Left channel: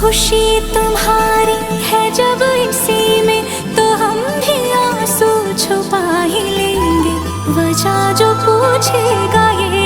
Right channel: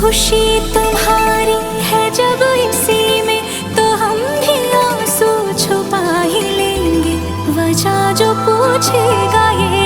खुशी तुम्हारी है जब इसी में, तो हम भी आंसू छुपा ही लेंगे। वजह जो पूछेगा ये